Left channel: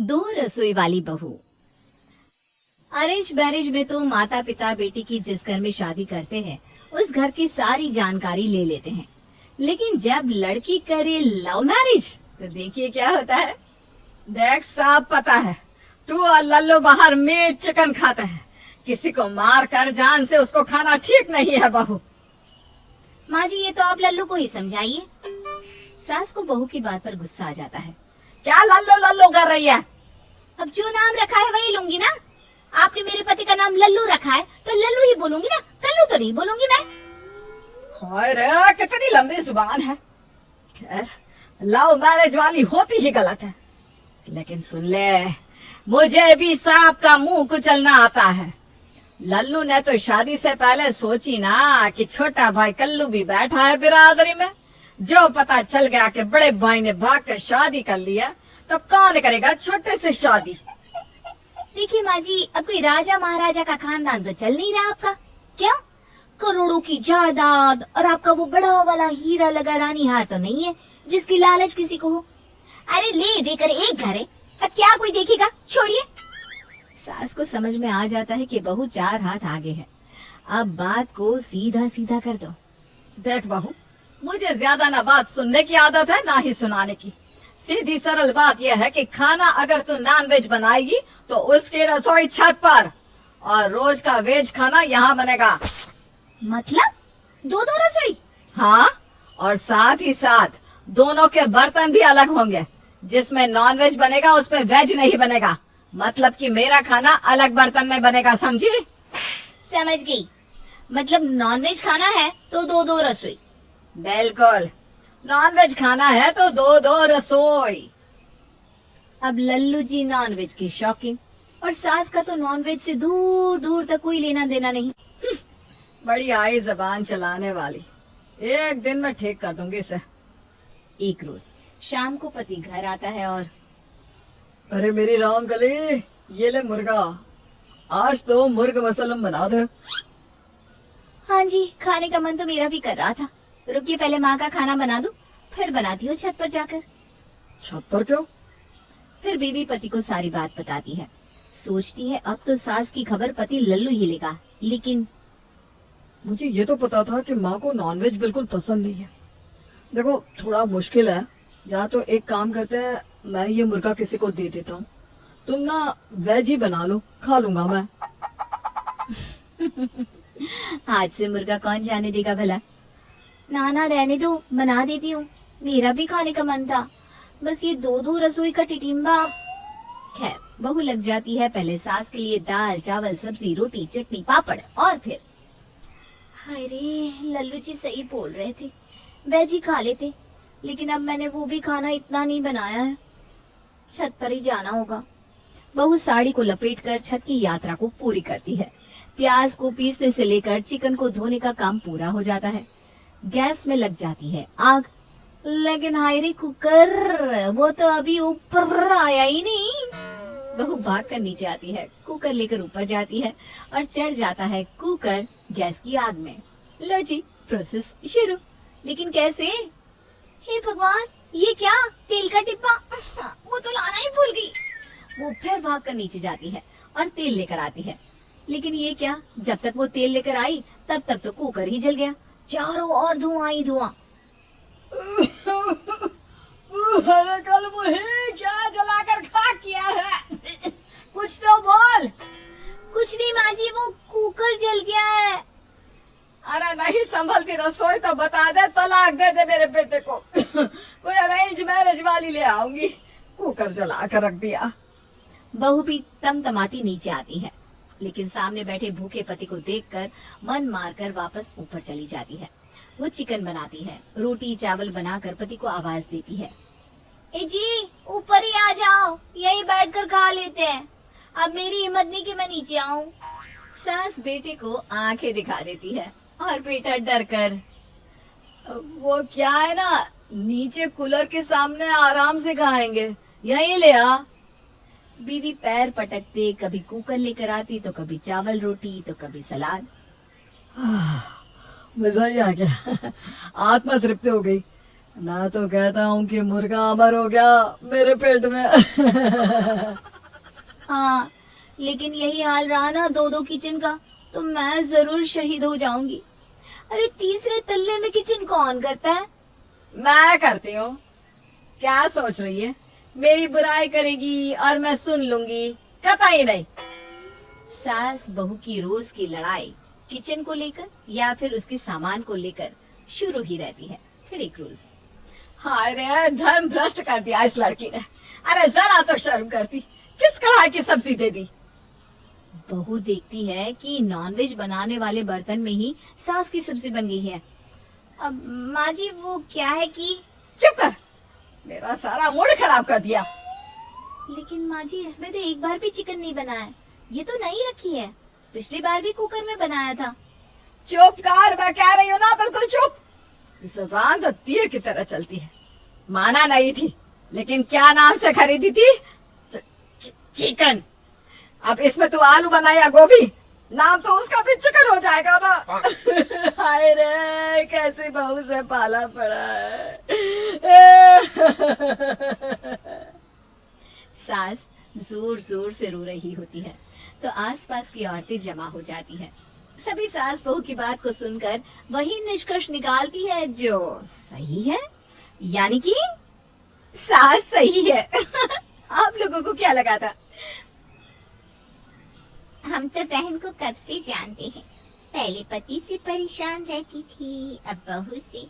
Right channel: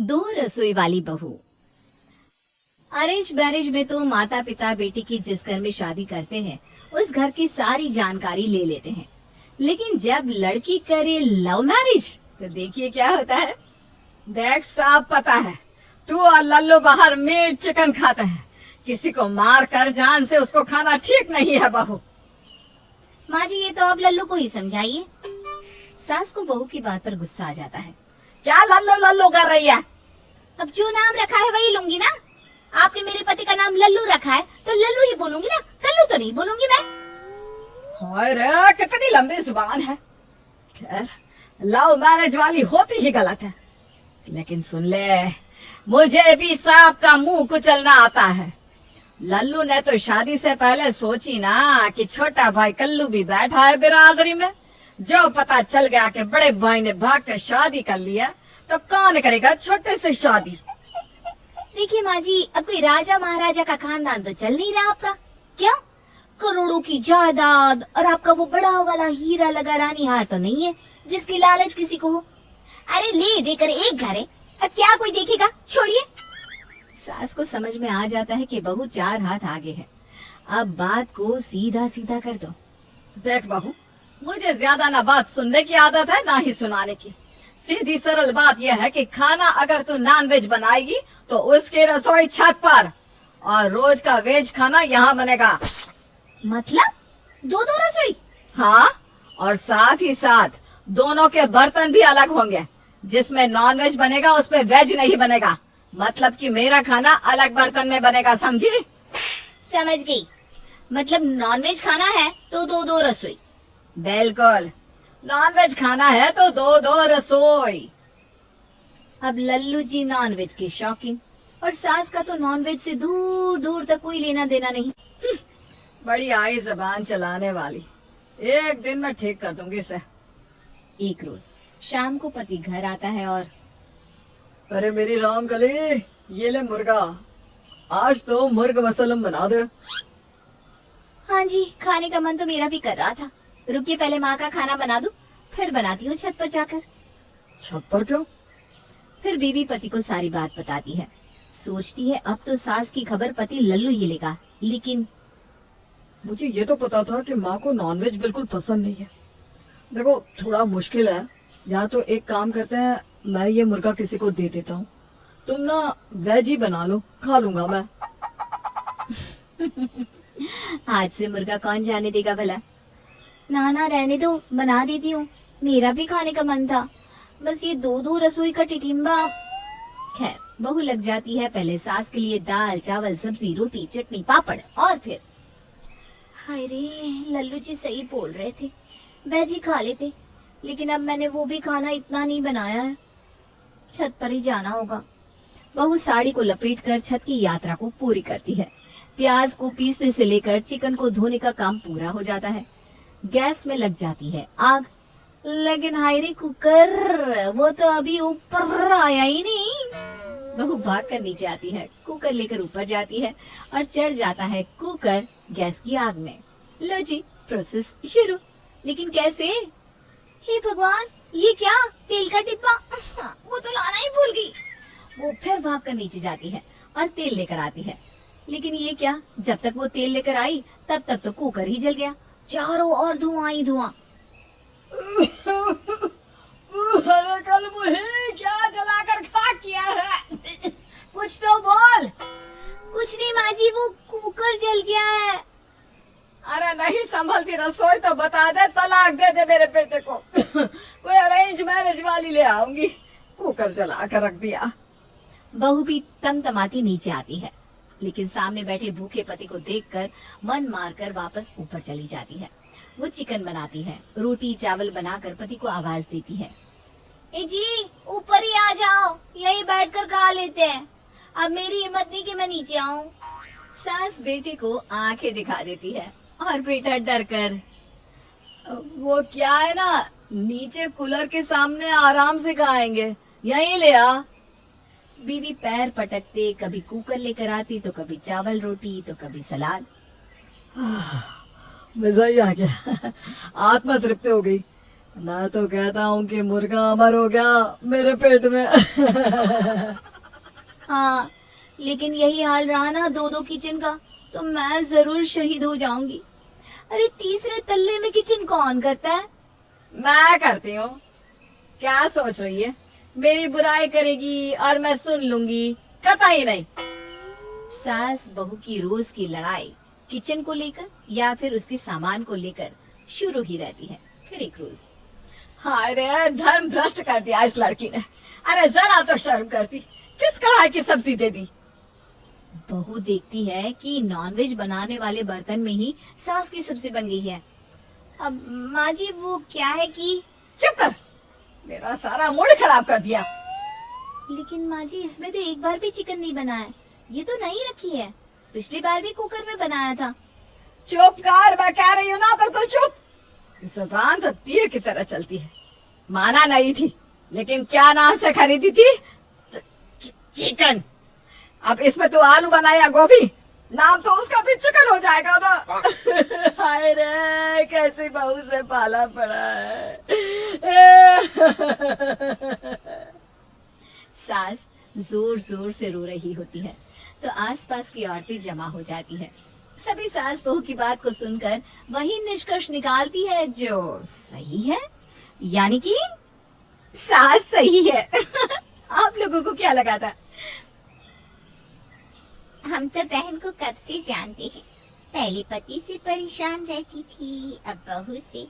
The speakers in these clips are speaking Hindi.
दो रसोई वाली बहू। अरेंज मैरिज में तो माता पिता बेटी की जिस घर में शादी करते हैं उस घर की सारी जानकारी ले लेते हैं, लेकिन जब लड़की करे लव मैरिज तो देखिए क्या होता है। देख, साफ पता है तू और लल्लू बाहर मीट चिकन खाते हैं। किसी को मार कर जान से उसको खाना ठीक नहीं है बहू। माँ जी, ये तो आप लल्लू को ही समझाइए। सास को बहू की बात पर गुस्सा आ जाता है। क्या लल्लू लल्लू कर रही है? अब जो नाम रखा है वही लूंगी ना। आपने मेरे पति का नाम लल्लू रखा है तो लल्लू ही बोलूंगी ना, कल्लू तो नहीं बोलूंगी मैं। अरे कितनी लंबी जुबान है। खैर, लव मैरिज वाली होती ही गलत है, लेकिन सुन ले, मुझे भी सांप का मुंह कुचलना आता है। लल्लू ने तो शादी से पहले सोची ना कि छोटा भाई कल्लू भी बैठा है बिरादरी में। जो पता चल गया कि बड़े भाई ने भागकर शादी कर लिया तो कौन करेगा छोटे से शादी। देखिए माँ जी, अब कोई राजा महाराजा का खानदान तो चल नहीं रहा आपका। क्या करोड़ों की जायदाद और आपका वो बड़ा वाला हीरा लगा रानी हार तो नहीं है जिसकी लालच किसी को हो। अरे ले देकर एक घर है, अब क्या कोई देखेगा, छोड़िए। सास को समझ में आ जाता है कि बहू चार हाथ आगे है, अब बात को सीधा सीधा कर दो। देख बहू, मुझे ज्यादा ना बात सुनने की आदत है ना ही सुनाने की। सीधी सरल बात यह है कि खाना अगर तू नॉन वेज बनाएगी तो उसकी रसोई छत पर, और रोज का वेज खाना यहाँ बनेगा। मतलब दो दो रसोई? हाँ, और साथ ही साथ दोनों के बर्तन भी अलग होंगे। जिसमें नॉन वेज बनेगा उसमें वेज नहीं बनेगा। मतलब कि मेरा खाना अलग बर्तन में बनेगा, समझी? समझ गई। मतलब नॉन वेज खाना है तो दो दो रसोई। बिल्कुल, नॉन वेज खाना है तो दो दो रसोई। अब लल्लू जी नॉन वेज के शौकीन और सास का तो नॉन वेज से दूर दूर तक कोई लेना देना नहीं। बड़ी आई जबान चलाने वाली, एक दिन मैं ठीक कर दूंगी इसे। एक रोज शाम को पति घर आता है और अरे मेरी राम गली, ये ले मुर्गा, आज तो मुर्ग मसलम बना दे। हाँ जी, खाने का मन तो मेरा भी कर रहा था। रुकिए, पहले माँ का खाना बना दूं, फिर बनाती हूँ छत पर जाकर। छत पर क्यों? फिर बीवी पति को सारी बात बताती है। सोचती है अब तो सास की खबर पति लल्लू ही लेगा, लेकिन मुझे ये तो पता था कि माँ को नॉनवेज बिल्कुल पसंद नहीं है। देखो, थोड़ा मुश्किल है, या तो एक काम करते हैं, मैं ये मुर्गा किसी को दे देता हूँ, तुम ना वेज ही बना लो, खा लूंगा मैं। आज से मुर्गा कौन जाने देगा भला। ना ना रहने दो, बना देती हूँ, मेरा भी खाने का मन था, बस ये दो दो रसोई का टिटिम्बा। खैर, बहू लग जाती है पहले सास के लिए दाल चावल सब्जी रोटी चटनी पापड़, और फिर हाय रे, लल्लू जी सही बोल रहे थे, वेज ही खा लेते, लेकिन अब मैंने वो भी खाना इतना नहीं बनाया है, छत पर ही जाना होगा। बहू साड़ी को लपेटकर छत की यात्रा को पूरी करती है। प्याज को पीसने से लेकर चिकन को धोने का काम पूरा हो जाता है। गैस में लग जाती है आग, लेकिन हाय रे कुकर, वो तो अभी ऊपर आया ही नहीं। बहू भाग कर नीचे आती है, कुकर लेकर ऊपर जाती है और चढ़ जाता है कुकर गैस की आग में। लो जी, प्रोसेस शुरू। लेकिन कैसे? हे भगवान, ये क्या, तेल का डिब्बा, वो तो लाना ही भूल गई। वो फिर भाग कर नीचे जाती है और तेल लेकर आती है, लेकिन ये क्या, जब तक वो तेल लेकर आई तब तक तो कुकर ही जल गया, चारों ओर धुआं ही धुआं। अरे कल मुझे क्या जलाकर खाक किया है? कुछ तो बोल। कुछ नहीं माँ जी, वो कुकर जल गया है। अरे नहीं संभलती रसोई तो बता दे, तलाक दे दे मेरे बेटे को। कोई अरेंज मैरिज वाली ले आऊंगी। कुकर जला कर रख दिया। बहू भी तमतमाती नीचे आती है, लेकिन सामने बैठे भूखे पति को देखकर मन मारकर वापस ऊपर चली जाती है। वो चिकन बनाती है, रोटी चावल बनाकर पति को आवाज देती है, ए जी ऊपर ही आ जाओ, यही बैठकर खा लेते हैं, अब मेरी हिम्मत नहीं कि मैं नीचे आऊं। सास बेटे को आंखें दिखा देती है और बेटा डर कर, वो क्या है ना, नीचे कूलर के सामने आराम से खाएंगे, यहीं ले आ। बीवी पैर पटकते कभी कुकर लेकर आती तो कभी चावल रोटी तो कभी सलाद। मजा ही आ गया, आत्मा तृप्त हो गई। मैं तो कहता हूँ कि मुर्गा अमर हो गया मेरे पेट में। लेकिन यही हाल रहा ना दो दो किचन का तो मैं जरूर शहीद हो जाऊंगी। अरे तीसरे तल्ले में किचन कौन करता है? मैं करती हूँ। क्या सोच रही है, मेरी बुराई करेगी और मैं सुन लूंगी? कतई नहीं। सास बहू की रोज की लड़ाई किचन को लेकर या फिर उसकी सामान को लेकर शुरू ही रहती है। फिर एक रोज, हाय रे, धर्म भ्रष्ट कर दिया इस लड़की ने। अरे जरा तो शर्म करती, किस कढ़ाई की सब्जी दे दी। बहू देखती है कि नॉनवेज बनाने वाले बर्तन में ही सास की सब्जी बन गई है। अब माँ जी वो क्या है कि चुप कर, मेरा सारा मूड खराब कर दिया। लेकिन माँ जी इसमें तो एक बार भी चिकन नहीं बना है, ये तो नई रखी है, पिछली बार भी कुकर में बनाया था। चुप कर, मैं कह रही हूँ ना, बिल्कुल चुप। जुबान तो तीर की तरह चलती है। माना नहीं थी, लेकिन क्या नाम से खरीदी थी? चिकन। अब इसमें तू आलू बना या गोभी, नाम तो उसका भी चिकन हो जाएगा ना। हाय रे, कैसी बहू से पाला पड़ा है। सास जोर जोर से रो रही होती है तो आसपास की औरतें जमा हो जाती हैं। सभी सास बहू की बात को सुनकर वही निष्कर्ष निकालती है जो सही है, यानी कि सास सही है। आप लोगों को क्या लगा था? हम तो बहन को कब से जानते हैं, पहले पति से परेशान रहती थी, अब बहू से।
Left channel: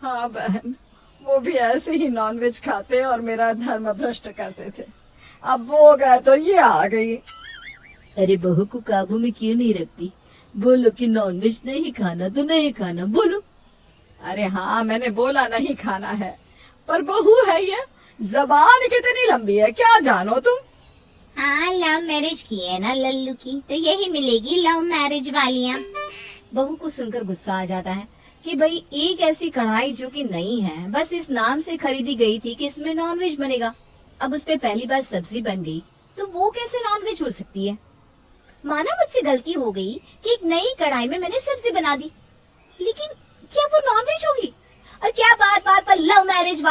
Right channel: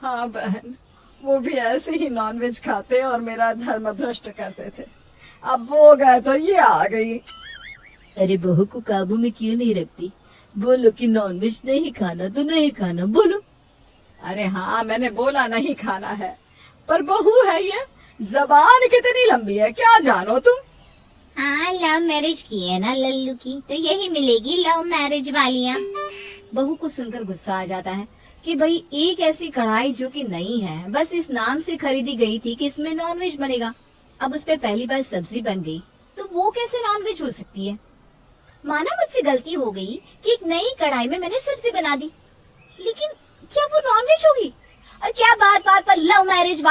हाँ बहन, वो भी ऐसे ही नॉनवेज खाते और मेरा धर्म भ्रष्ट करते थे। अब वो गए तो ये आ गई। अरे बहू को काबू में क्यों नहीं रखती? बोलो कि नॉनवेज नहीं खाना तो नहीं खाना, बोलो। अरे हाँ, मैंने बोला नहीं खाना है, पर बहू है ये, जबान कितनी लंबी है, क्या जानो तुम। हाँ, लव मैरिज की है ना लल्लू की, तो यही मिलेगी लव मैरिज वालियाँ। बहू को सुनकर गुस्सा आ जाता है कि भाई एक ऐसी कढ़ाई जो कि नई है, बस इस नाम से खरीदी गई थी कि इसमें नॉनवेज बनेगा, अब उस पे पहली बार सब्जी बन गई तो वो कैसे नॉनवेज हो सकती है? माना मुझसे गलती हो गई कि एक नई कढ़ाई में मैंने सब्जी बना दी, लेकिन क्या वो नॉनवेज होगी? और क्या बात बात पर लव मैरिज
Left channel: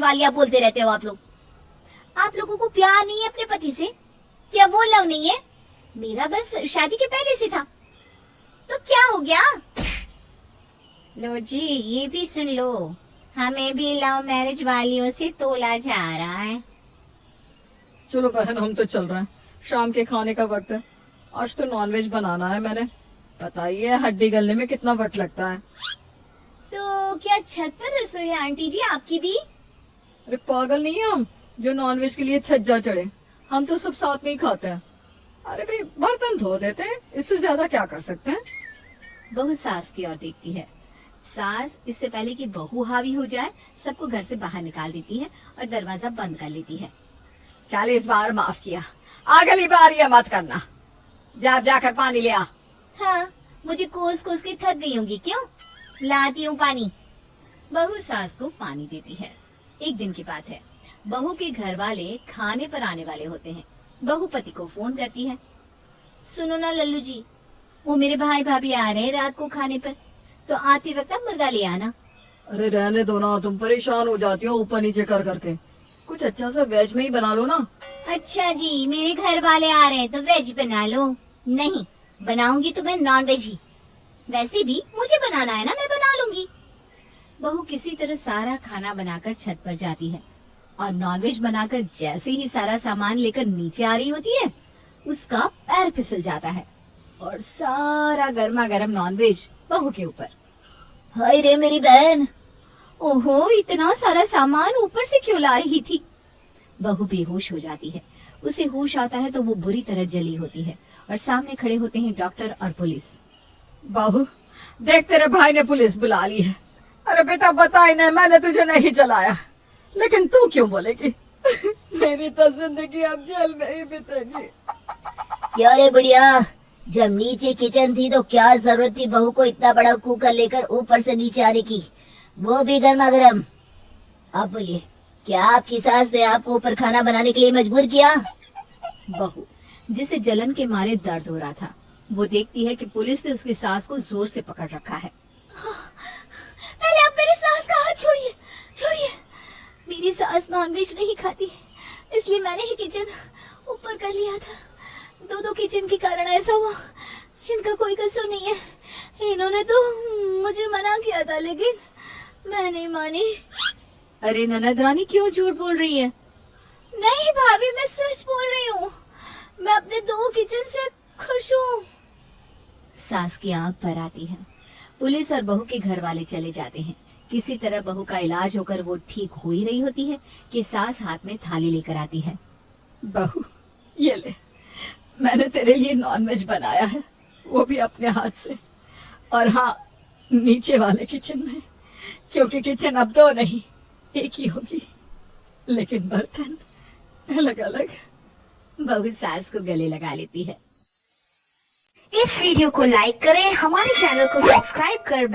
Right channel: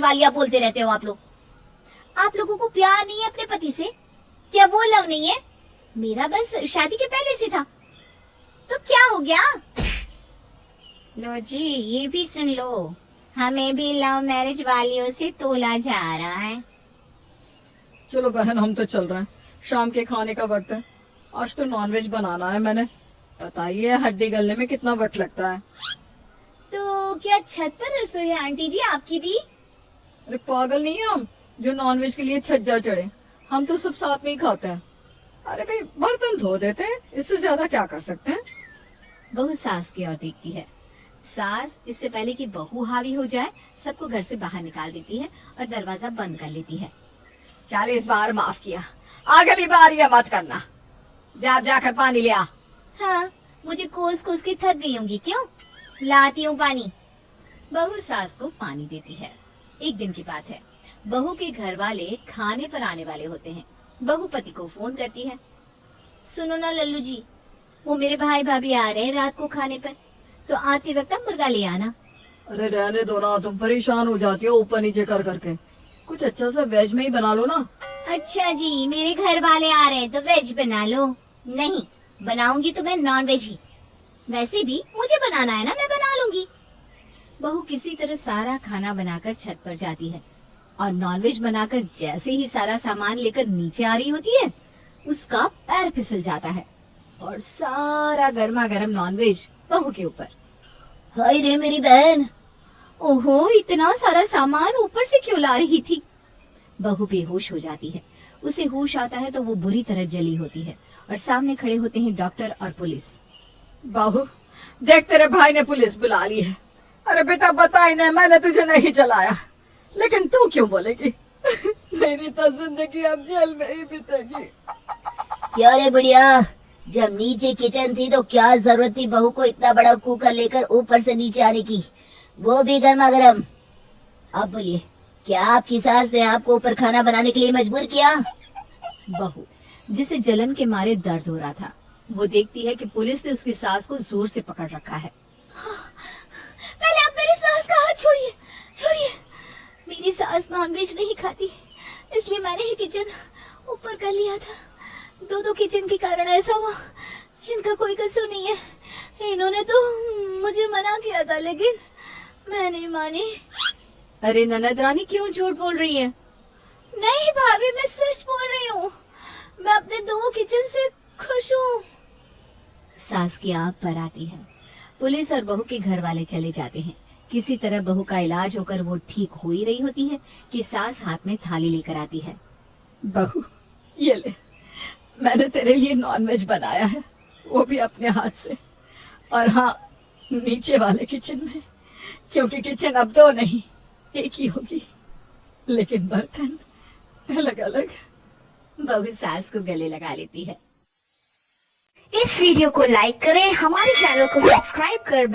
वालियाँ बोलते रहते हो आप लोग? आप लोगों को प्यार नहीं है अपने पति से? क्या वो लव नहीं है? मेरा बस शादी के पहले से था, तो क्या हो गया? लो जी, ये भी सुन लो, हमें भी लव मैरिज वालियों से तोला जा रहा है। चलो बहन, हम तो चल रहे हैं, शाम के खाने का वक्त है। आज तो नॉनवेज बनाना है मैंने, पता ही है हड्डी गलने में कितना वक्त लगता है। तो क्या छत पर रसोई है आंटी जी आपकी भी? अरे पागल नहीं है हम, जो नॉनवेज के लिए छज्जा चढ़े। हम तो सब साथ में ही खाते हैं। अरे भाई, बर्तन धो देते हैं, इससे ज्यादा क्या कर सकते हैं। बहू सास की ओर देखती है। सास इससे पहले कि बहू हावी हो जाए सबको घर से बाहर निकाल देती है और दरवाजा बंद कर लेती है। 40 बार माफ किया, अगली बार ये मत करना। जाकर पानी ले आ। हाँ, मुझे कोस कोस के थक गई होंगी, क्यों? लाती हूँ पानी। बहू सास को पानी देती है। एक दिन की बात है, बहू के घर वाले खाने पर आने वाले होते हैं। बहू पति को फोन करती है, सुनो ना लल्लू जी, वो मेरे भाई भाभी आ रहे हैं रात को खाने पर, तो आते वक्त आप मुर्गा ले आना। अरे रहने दो ना, तुम परेशान हो जाती हो ऊपर नीचे कर करके। कुछ अच्छा सा वेज में ही बना लो ना। अच्छा जी, मेरे घर वाले आ रहे हैं तो वेज बना लो। नहीं, बनाऊंगी तो मैं नॉन वेज ही। वैसे भी मुझे बनाना है ना, मैं बना लूंगी। बहू किसी तरह सारा खाना बनाकर छत पर जाती है और नॉनवेज बनाकर जैसे ही सारा सामान लेकर नीचे आ रही होती है, उसका पैर फिसल जाता है और सारा गर्मा गर्म नॉनवेज बहू के ऊपर। हाय रे मेरी बहन, ओहो इतना सारा सामान ऊपर से क्यों ला रही थी? बहू बेहोश हो जाती है। उसे होश आता है तो वो बुरी तरह जली होती है और सामने खड़े होते हैं डॉक्टर और पुलिस। बहू देख, तेरे भाई ने पुलिस बुला ली है। अरे बेटा बताई नहीं, मैंने तुझे नहीं जलाया, लेकिन तू क्यों बोलेगी? मेरी तो जिंदगी अब जेल में ही बीतेगी। क्या रे बढ़िया, जब नीचे किचन थी तो क्या जरूरत थी बहू को इतना बड़ा कुकर लेकर ऊपर से नीचे आने की, वो भी गर्मा गर्म। अब बोलिए, क्या आपकी सास ने आपको ऊपर खाना बनाने के लिए मजबूर किया? बहू, जिसे जलन के मारे दर्द हो रहा था, वो देखती है कि पुलिस ने उसकी सास को जोर से पकड़ रखा है। पहले आप मेरी सास का हाथ छोड़िए, छोड़िए। मेरी सास नॉनवेज नहीं खाती, इसलिए मैंने ही किचन ऊपर कर लिया था। दो किचन के कारण ऐसा हुआ। इनका कोई कसूर नहीं है। इन्होंने तो मुझे मना किया था लेकिन मैं नहीं मानी। अरे ननद रानी क्यों झूठ बोल रही है? नहीं भाभी, मैं सच बोल रही हूँ। मैं अपने 2 किचन से खुश हूँ। सास की आंख पर आती है। पुलिस और बहू के घर वाले चले जाते हैं। किसी तरह बहू का इलाज होकर वो ठीक हो ही रही होती है कि सास हाथ में थाली लेकर आती है। बहू ये ले, मैंने तेरे लिए नॉनवेज बनाया है, वो भी अपने हाथ से। और हाँ, नीचे वाले किचन में, क्योंकि किचन अब 2 नहीं 1 ही होगी, लेकिन बर्तन अलग अलग। बहू सास को गले लगा लेती है। इस वीडियो को लाइक करें, हमारे चैनल को सब्सक्राइब कर